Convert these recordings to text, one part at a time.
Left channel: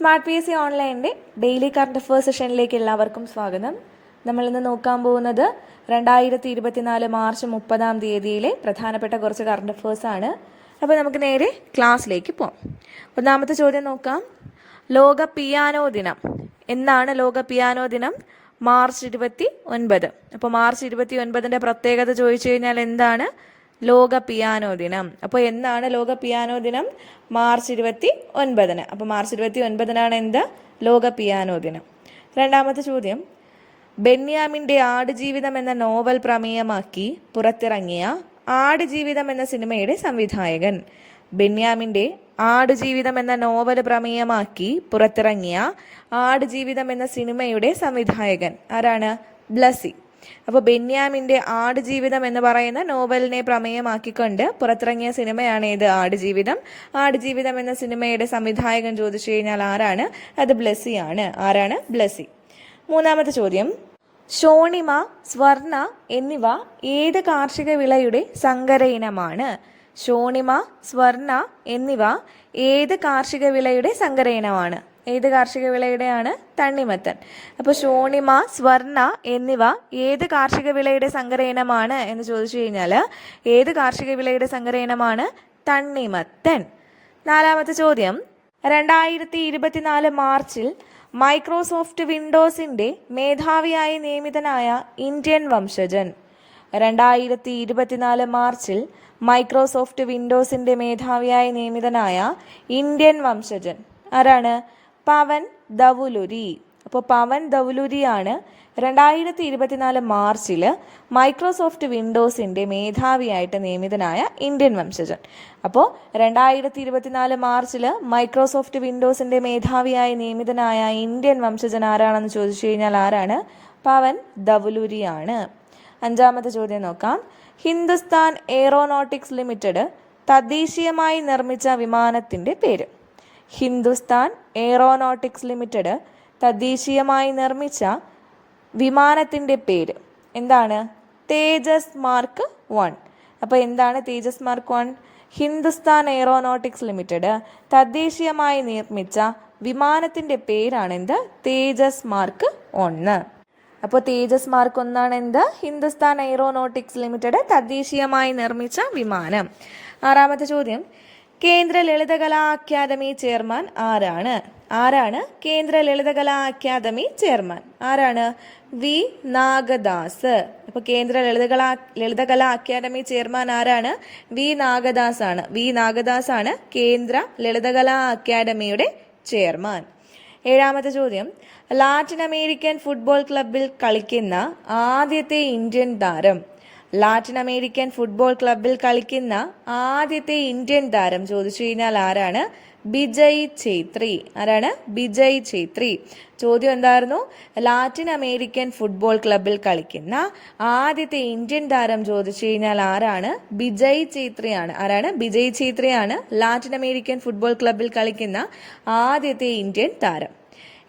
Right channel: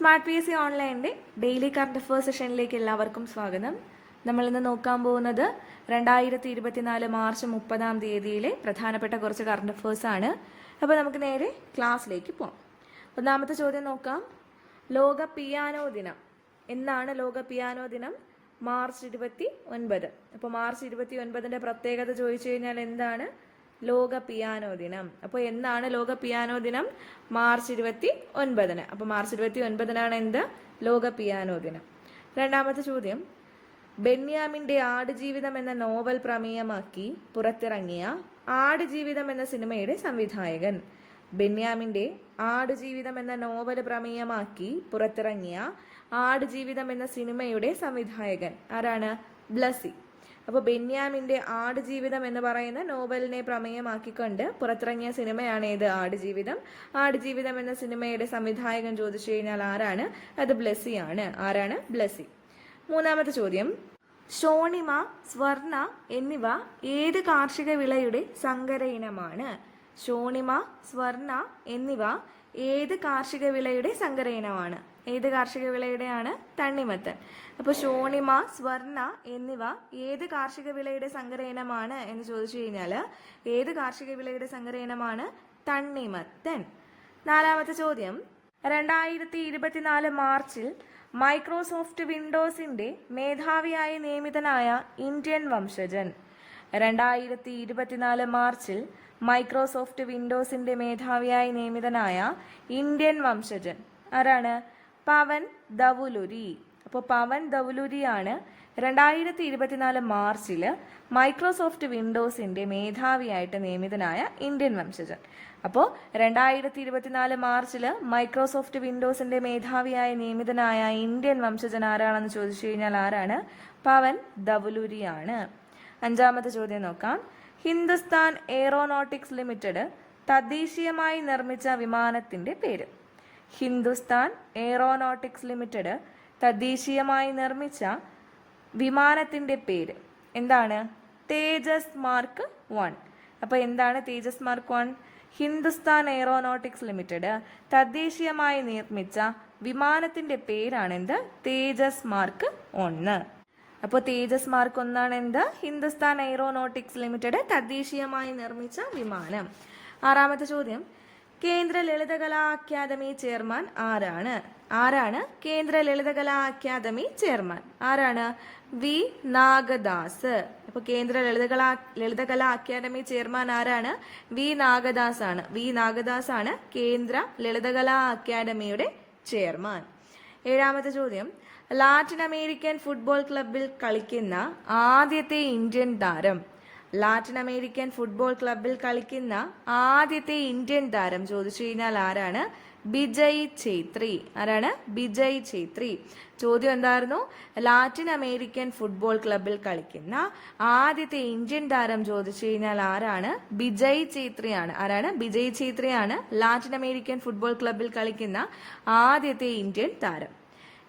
Smart P S C ഓൺലൈനിന്റെ daily current affairs സെഷനിലേക്ക് എല്ലാവർക്കും സ്വാഗതം. നമ്മളിന്ന് നോക്കാൻ പോകുന്നത് രണ്ടായിരത്തി ഇരുപത്തിനാല് മാർച്ച് മുപ്പതാം തീയതിയിലെ പ്രധാനപ്പെട്ട കുറച്ച് കറണ്ട് അഫേഴ്സ് ആണ്. അപ്പോൾ നമുക്ക് നേരെ ക്ലാസ്സിലേക്ക് പോകാം ഒന്നാമത്തെ ചോദ്യം നോക്കാം. ലോക പിയാനോ ദിനം. എന്നാണ് ലോക പിയാനോ ദിനം? മാർച്ച് ഇരുപത്തി ഒൻപത് അപ്പോൾ മാർച്ച് ഇരുപത്തി ഒൻപതിന്റെ പ്രത്യേകത ചോദിച്ചു കഴിഞ്ഞാൽ എന്താണ്? ലോക പിയാനോ ദിനം. അപ്പോൾ എന്നാണ് ലോക പിയാനോ ദിനം? മാർച്ച് ഇരുപത്തി ഒൻപതിന് അപ്പോൾ മാർച്ച് ഇരുപത്തി ഒൻപതിനാണ് എന്ത്? ലോക പിയാനോ ദിനം. രണ്ടാമത്തെ ചോദ്യം. ബെന്യാമിന്റെ ആടുജീവിതം എന്ന നോവൽ പ്രമേയമാക്കി പുറത്തിറങ്ങിയ ആടുജീവിതം എന്ന സിനിമയുടെ സംവിധായകൻ. ബെന്യാമിന്റെ ആടുജീവിതം എന്ന നോവൽ പ്രമേയമാക്കി പുറത്തിറങ്ങിയ ആടുജീവിതം എന്ന സിനിമയുടെ സംവിധായകൻ ആരാണ്? ബ്ലസി അപ്പോൾ ബെന്യാമിന്റെ ആടുജീവിതം എന്ന് പറയുന്ന നോവലിനെ പ്രമേയമാക്കിക്കൊണ്ട് പുറത്തിറങ്ങിയ സിനിമയാണ് ഏത് ആടുജീവിതം. ആടുജീവിതം എന്ന സിനിമയുടെ സംവിധായകൻ ചോദിച്ചു കഴിഞ്ഞാൽ ആരാണ്? അത് ബ്ലസ്സിയാണ് ആരാണ്? ബ്ലസ്സി. മൂന്നാമത്തെ ചോദ്യം. ഷോണിമ സ്വർണ എന്നിവ ഏത് കാർഷിക വിളയുടെ സങ്കര ഇനമാണ് ഷോണിമ സ്വർണ എന്നിവ ഏത് കാർഷിക വിളയുടെ സങ്കര ഇനമാണ് ഏത് കാർഷിക വിളയുടെയാണ് തണ്ണിമത്തൻ? അപ്പോൾ ശോണിമ സ്വർണ എന്നിവ ഏത് കാർഷിക വിളയുടെ സങ്കര ഇനമാണ് എന്ന് ചോദിച്ചു കഴിഞ്ഞാൽ ഏത് കാർഷിക വിളയുടെ സങ്കര ഇനമാണ് തണ്ണിമത്തൻ? നാലാമത്തെ ചോദ്യം. രണ്ടായിരത്തി ഇരുപത്തിനാല് മാർച്ചിൽ മൈക്രോസോഫ്റ്റ് വിൻഡോസിന്റെ മേധാവിയായി നിയമിതനായ ഇന്ത്യൻ വംശജൻ. രണ്ടായിരത്തി ഇരുപത്തിനാല് മാർച്ചിൽ മൈക്രോസോഫ്റ്റ് വിൻഡോസിന്റെ മേധാവിയായി നിയമിതനായ ഇന്ത്യൻ വംശജൻ. ആരാണ്? പവൻ ദവുലുരി അപ്പോൾ പവൻ ദവുലുരിയാണ് രണ്ടായിരത്തി ഇരുപത്തിനാല് മാർച്ചിൽ മൈക്രോസോഫ്റ്റ് വിൻഡോസിന്റെ മേധാവിയായിട്ട് നിയമിതനായ ഇന്ത്യൻ വംശജൻ. അപ്പോൾ രണ്ടായിരത്തി ഇരുപത്തിനാല് മാർച്ചിൽ മൈക്രോസോഫ്റ്റ് വിൻഡോസിന്റെ മേധാവിയായി നിയമിതനായ ഇന്ത്യൻ വംശജൻ ആരാണെന്ന് ചോദിച്ചു കഴിഞ്ഞാൽ ആരാണ്? പവൻ ദവുലുരിയാണ് അഞ്ചാമത്തെ ചോദ്യം നോക്കാം. ഹിന്ദുസ്ഥാൻ എയ്റോനോട്ടിക്സ് ലിമിറ്റഡ് തദ്ദേശീയമായി നിർമ്മിച്ച വിമാനത്തിന്റെ പേര്. ഹിന്ദുസ്ഥാൻ എയ്റോനോട്ടിക്സ് ലിമിറ്റഡ് തദ്ദേശീയമായി നിർമ്മിച്ച വിമാനത്തിന്റെ പേര്. എന്താണ്? Tejas mark one. അപ്പോൾ എന്താണ് Tejas mark one? Hindustan aeronautics limited തദ്ദേശീയമായി നിർമ്മിച്ച വിമാനത്തിന്റെ പേരാണ് എന്ത്? തേജസ് മാർക്ക് ഒന്ന് അപ്പോൾ തേജസ് മാർക്ക് ഒന്നാണ് എന്ത്? ഹിന്ദുസ്ഥാൻ എയ്റോനോട്ടിക്സ് ലിമിറ്റഡ് തദ്ദേശീയമായി നിർമ്മിച്ച വിമാനം. ആറാമത്തെ ചോദ്യം. കേന്ദ്ര ലളിതകലാ അക്കാദമി ചെയർമാൻ ആരാണ്? ആരാണ് കേന്ദ്ര ലളിതകലാ അക്കാദമി ചെയർമാൻ? ആരാണ്? വി നാഗദാസ്. അപ്പോൾ കേന്ദ്ര ലളിതകലാ ലളിതകലാ അക്കാദമി ചെയർമാൻ ആരാണ്? വി നാഗദാസ് ആണ് വി നാഗദാസ് ആണ് കേന്ദ്ര ലളിതകലാ അക്കാദമിയുടെ ചെയർമാൻ. ഏഴാമത്തെ ചോദ്യം. ലാറ്റിൻ അമേരിക്കൻ ഫുട്ബോൾ ക്ലബിൽ കളിക്കുന്ന ആദ്യത്തെ ഇന്ത്യൻ താരം ലാറ്റിൻ അമേരിക്കൻ ഫുട്ബോൾ ക്ലബിൽ കളിക്കുന്ന ആദ്യത്തെ ഇന്ത്യൻ താരം ചോദിച്ചു കഴിഞ്ഞാൽ ആരാണ്? ബിജയ് ഛേത്രി. ആരാണ്? ബിജയ് ഛേത്രി. ചോദ്യം എന്തായിരുന്നു? ലാറ്റിൻ അമേരിക്കൻ ഫുട്ബോൾ ക്ലബിൽ കളിക്കുന്ന ആദ്യത്തെ ഇന്ത്യൻ താരം ചോദിച്ചു കഴിഞ്ഞാൽ ആരാണ്? ബിജയ് ഛേത്രിയാണ്. ആരാണ്? ബിജയ് ഛേത്രിയാണ് ലാറ്റിൻ അമേരിക്കൻ ഫുട്ബോൾ ക്ലബിൽ കളിക്കുന്ന ആദ്യത്തെ ഇന്ത്യൻ താരം.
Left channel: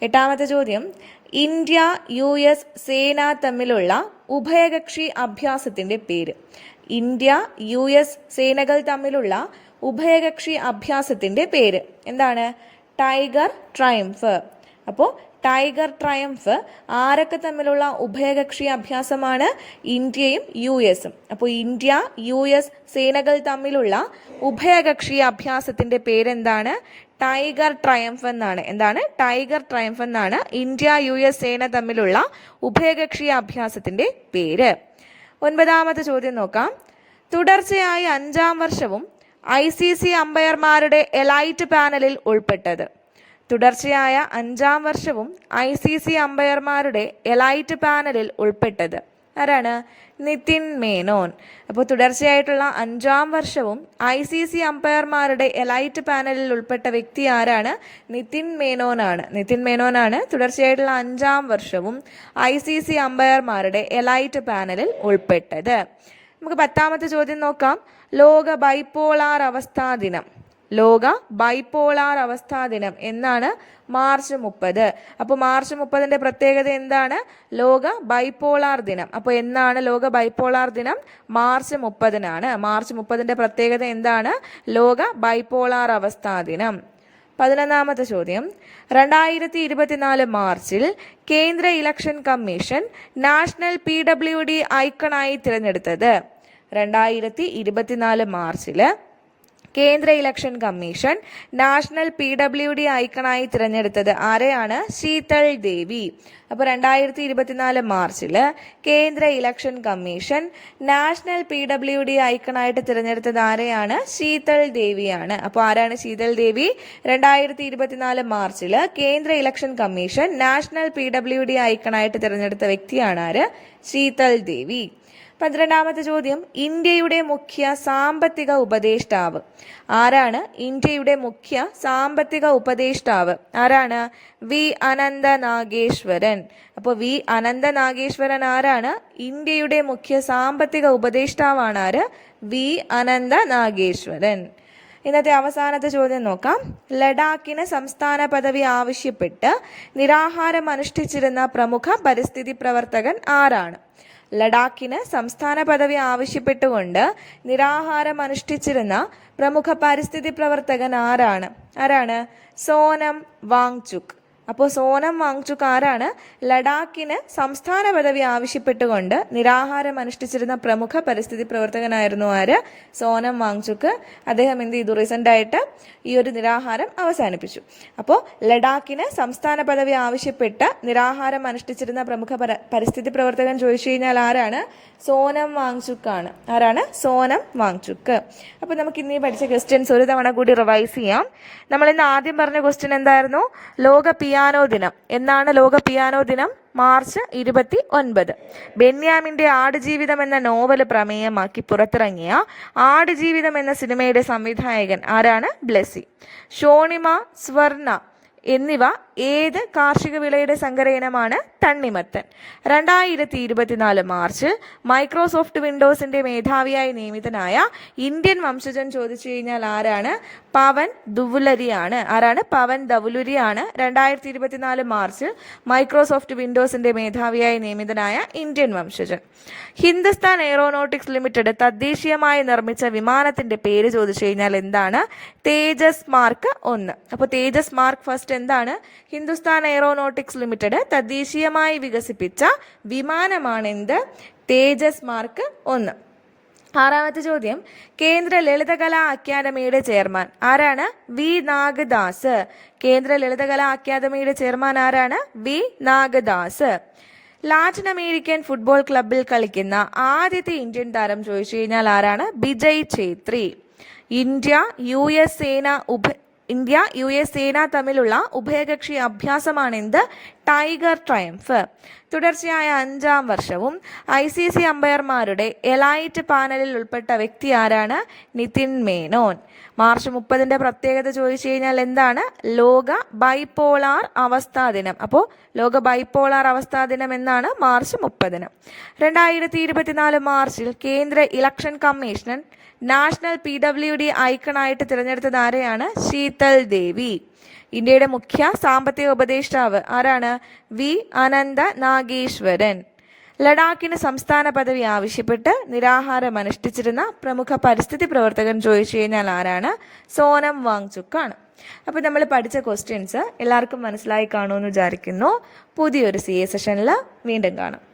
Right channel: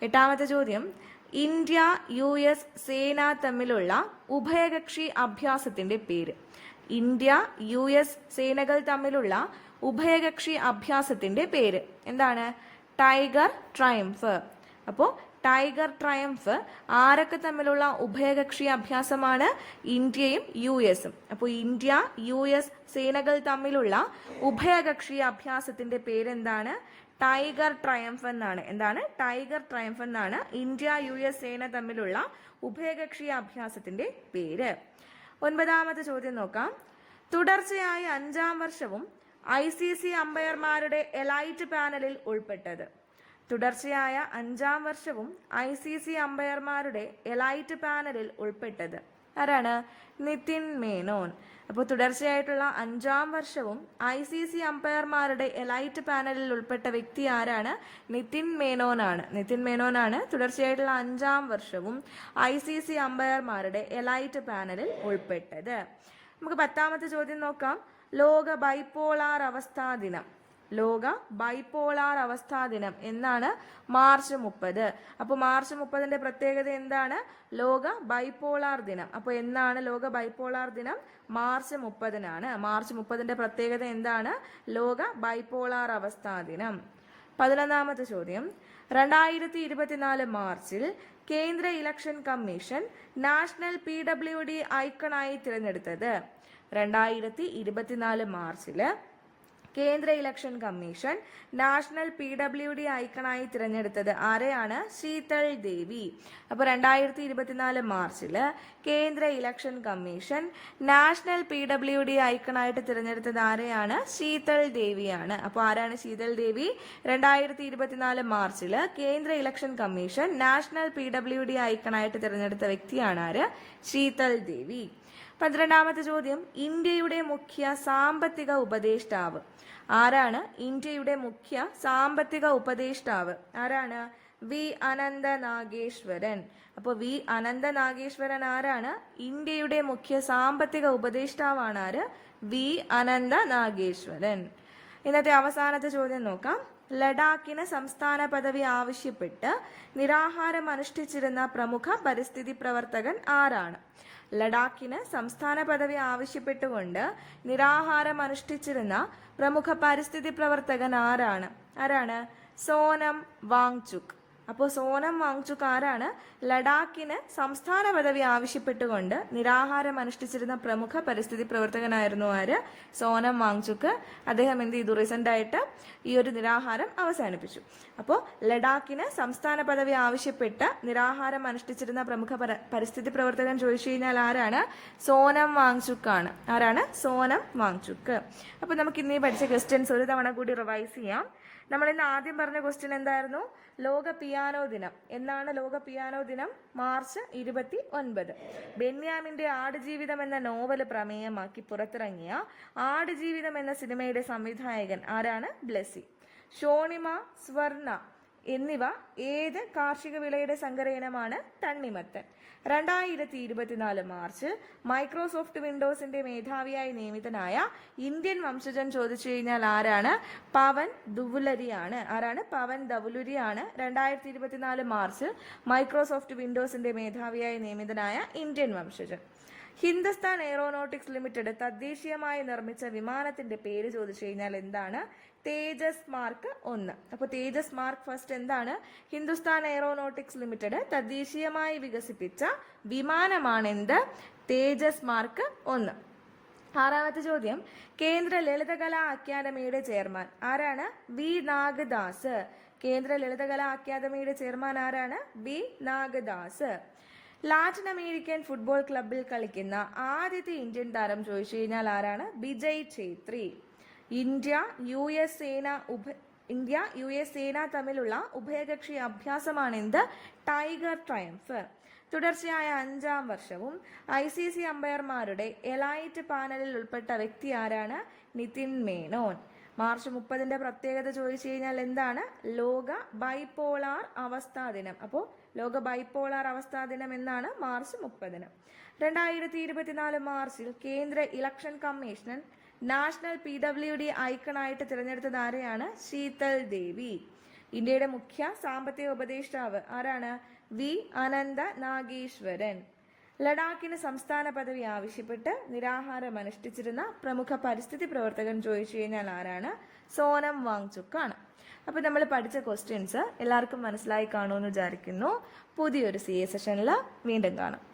എട്ടാമത്തെ ചോദ്യം. ഇന്ത്യ യു എസ് സേന തമ്മിലുള്ള ഉഭയകക്ഷി അഭ്യാസത്തിന്റെ പേര്. ഇന്ത്യ യു എസ് സേനകൾ തമ്മിലുള്ള ഉഭയകക്ഷി അഭ്യാസത്തിന്റെ പേര്. എന്താണ്? Tiger triumph. അപ്പോൾ ടൈഗർ ട്രയംഫ് ആരൊക്കെ തമ്മിലുള്ള ഉഭയകക്ഷി അഭ്യാസമാണ്? ഇന്ത്യയും യു എസും. അപ്പോൾ ഇന്ത്യ യു എസ് സേനകൾ തമ്മിലുള്ള ഉഭയകക്ഷി അഭ്യാസത്തിന്റെ പേരെന്താണ്? ടൈഗർ ട്രയംഫ് എന്നാണ്. എന്താണ്? ടൈഗർ ട്രയംഫ് എന്നാണ് ഇന്ത്യ യു എസ് സേന തമ്മിലുള്ള ഉഭയകക്ഷി അഭ്യാസത്തിന്റെ പേര്. ഒൻപതാമത്തെ ചോദ്യം നോക്കാം. തുടർച്ചയായി അഞ്ചാം വർഷവും ഐ സി സി അമ്പയർമാരുടെ എലൈറ്റ് പാനലിൽ ഉൾപ്പെട്ടത്. തുടർച്ചയായ അഞ്ചാം വർഷവും ഐ സി സി അമ്പയർമാരുടെ എലൈറ്റ് പാനലിൽ ഉൾപ്പെട്ടത്. ആരാണ്? നിതിൻ മേനോൻ. അപ്പോൾ തുടർച്ചയായിട്ടുള്ള അഞ്ചാം വർഷവും ഐ സി സി അമ്പയർമാരുടെ എലൈറ്റ് പാനലിൽ ഉൾപ്പെട്ട വ്യക്തി ആരാണ്? നിതിൻ മേനോനാണ്. നിതിൻ മേനോനാണ് തുടർച്ചയായിട്ടുള്ള അഞ്ചാം വർഷവും ഐ സി സി അമ്പയർമാരുടെ എലൈറ്റ് പാനലിൽ ഉൾപ്പെട്ടത്. നമുക്ക് പത്താമത്തെ ചോദ്യം നോക്കാം. ലോക ബൈപ്പോളാർ അവസ്ഥാ ദിനം. ലോക ബൈപ്പോളാർ അവസ്ഥാ ദിനം എന്നാണ് മാർച്ച് മുപ്പത്. അപ്പോൾ മാർച്ച് മുപ്പതിന്റെ പ്രത്യേകത എന്താണ്? ലോക ബൈപ്പോളാർ ദിനം. അപ്പോൾ എന്നാണ് ലോക ബൈപ്പോളാർ ദിനം? മാർച്ച് മുപ്പതിനാണ്. മാർച്ച് മുപ്പതിന്റെ പ്രത്യേകത എന്താണ്? ലോക ബൈപ്പോളാർ അവസ്ഥാ ദിനം. പതിനൊന്നാമത്തെ ചോദ്യം. രണ്ടായിരത്തി ഇരുപത്തിനാല് മാർച്ചിൽ കേന്ദ്ര election commission national P W D ഐക്കണായി തിരഞ്ഞെടുത്തത്. രണ്ടായിരത്തി ഇരുപത്തിനാല് മാർച്ചിൽ കേന്ദ്ര election commission national P W D ഐക്കണായി തിരഞ്ഞെടുത്തത് ആരെയാണ്? ശീതൾ ദേവി. അപ്പോൾ രണ്ടായിരത്തി ഇരുപത്തിനാല് മാർച്ചിൽ കേന്ദ്ര election commission national P W D ഐക്കണായിട്ട് തിരഞ്ഞെടുത്തത് ആരെയാണ്? ശീതൾ ദേവിയാണ്. അപ്പോൾ ആരാണ് ശീതൾ ദേവി? രണ്ടായിരത്തി ഇരുപത്തിനാല് മാർച്ചിൽ കേന്ദ്ര election commission national P W D ഐക്കണായിട്ട് തിരഞ്ഞെടുത്ത വ്യക്തിയാണ് ആര്? ശീതൾ ദേവി. പന്ത്രണ്ടാമത്തെ ചോദ്യം ഇന്ത്യയുടെ മുഖ്യ സാമ്പത്തിക ഉപദേഷ്ടാവ്. ആരാണ് ഇന്ത്യയുടെ മുഖ്യ സാമ്പത്തിക ഉപദേഷ്ടാവ്? ആരാണ്? വി. അനന്ത നാഗേശ്വരൻ അപ്പോൾ വി. അനന്ത നാഗേശ്വരൻ ആരാണ്? ഇന്ത്യയുടെ മുഖ്യ സാമ്പത്തിക ഉപദേഷ്ടാവാണ് ആര്? വി. അനന്ത നാഗേശ്വരൻ ഇന്നത്തെ അവസാനത്തെ ചോദ്യം നോക്കാം. ലഡാക്കിന് സംസ്ഥാന പദവി ആവശ്യപ്പെട്ട് നിരാഹാരം അനുഷ്ഠിച്ചിരുന്ന പ്രമുഖ പരിസ്ഥിതി പ്രവർത്തകൻ ആരാണ്? ലഡാക്കിന് സംസ്ഥാന പദവി ആവശ്യപ്പെട്ടുകൊണ്ട് നിരാഹാരം അനുഷ്ഠിച്ചിരുന്ന പ്രമുഖ പരിസ്ഥിതി പ്രവർത്തകൻ ആരാണ്? ആരാണ്? സോനം വാങ്ചുക്. അപ്പോൾ സോനം വാങ്ചുക് ആരാണ്? ലഡാക്കിന് സംസ്ഥാന പദവി ആവശ്യപ്പെട്ടുകൊണ്ട് നിരാഹാരം അനുഷ്ഠിച്ചിരുന്ന പ്രമുഖ പരിസ്ഥിതി പ്രവർത്തകനായിരുന്നു ആര്? സോനം വാങ്ചുക്. അദ്ദേഹം എന്ത് ചെയ്തു? റീസെന്റ് ആയിട്ട് ഈ ഒരു നിരാഹാരം അവസാനിപ്പിച്ചു. അപ്പോൾ ലഡാക്കിന് സംസ്ഥാന പദവി ആവശ്യപ്പെട്ട് നിരാഹാരം അനുഷ്ഠിച്ചിരുന്ന പ്രമുഖ പര പരിസ്ഥിതി പ്രവർത്തകൻ ചോദിച്ചു കഴിഞ്ഞാൽ ആരാണ്? സോനം വാങ്ചുക്കാണ് ആരാണ്? സോനം വാങ്ചുക്ക്. അപ്പോൾ നമുക്ക് ഇന്നീ പഠിച്ച ക്വസ്റ്റ്യൻസ് ഒരു തവണ കൂടി റിവൈസ് ചെയ്യാം. നമ്മൾ ഇന്ന് ആദ്യം പറഞ്ഞ ക്വസ്റ്റ്യൻ എന്തായിരുന്നു? ലോക പിയാനോ ദിനം. എന്നാണ് ലോക പിയാനോ ദിനം? മാർച്ച് ഇരുപത്തി ഒൻപത് ബെന്യാമിന്റെ ആടുജീവിതം എന്ന നോവൽ പ്രമേയമാക്കി പുറത്തിറങ്ങിയ ആടുജീവിതം എന്ന സിനിമയുടെ സംവിധായകൻ ആരാണ്? ബ്ലെസി ഷോണിമ സ്വർണ എന്നിവ ഏത് കാർഷിക വിളയുടെ സങ്കര ഇനമാണ് തണ്ണിമത്തൻ? രണ്ടായിരത്തി ഇരുപത്തിനാല് മാർച്ചിൽ മൈക്രോസോഫ്റ്റ് വിൻഡോസിന്റെ മേധാവിയായി നിയമിതനായ ഇന്ത്യൻ വംശജൻ ചോദിച്ചു കഴിഞ്ഞാൽ ആരാണ്? പവൻ ദുവുലരിയാണ് ആരാണ്? പവൻ ദവുലുരിയാണ് രണ്ടായിരത്തി ഇരുപത്തിനാല് മാർച്ചിൽ മൈക്രോസോഫ്റ്റ് വിൻഡോസിന്റെ മേധാവിയായി നിയമിതനായ ഇന്ത്യൻ വംശജൻ. ഹിന്ദുസ്ഥാൻ എയറോനോട്ടിക്സ് ലിമിറ്റഡ് തദ്ദേശീയമായി നിർമ്മിച്ച വിമാനത്തിന്റെ പേര് ചോദിച്ചു കഴിഞ്ഞാൽ എന്താണ്? തേജസ് മാർക്ക് ഒന്ന്. അപ്പോൾ തേജസ് മാർക്ക് ഫസ്റ്റ് എന്താണ്? ഹിന്ദുസ്ഥാൻ എയറോനോട്ടിക്സ് ലിമിറ്റഡ് തദ്ദേശീയമായി വികസിപ്പിച്ച വിമാനമാണെന്ത്? തേജസ് മാർക്ക് ഒന്ന്. ആറാമത്തെ ചോദ്യം. കേന്ദ്ര ലളിതകലാ അക്കാദമിയുടെ ചെയർമാൻ ആരാണ്? വി നാഗദാസ്. കേന്ദ്ര ലളിതകലാ അക്കാദമിയുടെ ചെയർമാൻ ആരാണ്? V Nagadas. Latin American football ക്ലബിൽ കളിക്കുന്ന ആദ്യത്തെ ഇന്ത്യൻ താരം ചോദിച്ചു കഴിഞ്ഞാൽ ആരാണ്? Bijay Chhetri. India U S സേന ഉപ ഇന്ത്യ യു എസ് സേന തമ്മിലുള്ള ഉഭയകക്ഷി അഭ്യാസമാണ് എന്ത് ടൈഗർ ട്രയംഫ്. തുടർച്ചയായ അഞ്ചാം വർഷവും ഐ സി സി അമ്പയർമാരുടെ എലൈറ്റ് പാനലിൽ ഉൾപ്പെട്ട വ്യക്തി ആരാണ്? നിതിൻ മേനോൻ. മാർച്ച് മുപ്പതിന്റെ പ്രത്യേകത ചോദിച്ചു കഴിഞ്ഞാൽ എന്താണ്? ലോക ബൈപോളാർ അവസ്ഥാ ദിനം. അപ്പോൾ ലോക ബൈപോളാർ അവസ്ഥാ ദിനം എന്നാണ് മാർച്ച് മുപ്പതിന്. രണ്ടായിരത്തി ഇരുപത്തിനാല് മാർച്ചിൽ കേന്ദ്ര election commission national P W D ഐക്കണായിട്ട് തിരഞ്ഞെടുത്തത് ആരെയാണ്? ശീതൽ ദേവി. ഇന്ത്യയുടെ മുഖ്യ സാമ്പത്തിക ഉപദേഷ്ടാവ് ആരാണ്? വി. അനന്ത നാഗേശ്വരൻ. ലഡാക്കിന് സംസ്ഥാന പദവി ആവശ്യപ്പെട്ട് നിരാഹാരം അനുഷ്ഠിച്ചിരുന്ന പ്രമുഖ പരിസ്ഥിതി പ്രവർത്തകൻ ചോദിച്ചു കഴിഞ്ഞാൽ ആരാണ്? സോനം വാങ്ചുക്കാണ്. അപ്പോൾ നമ്മൾ പഠിച്ച ക്വസ്റ്റ്യൻസ് എല്ലാവർക്കും മനസ്സിലായി കാണുമെന്ന് വിചാരിക്കുന്നു. പുതിയൊരു സി എ സെഷനിൽ വീണ്ടും കാണാം.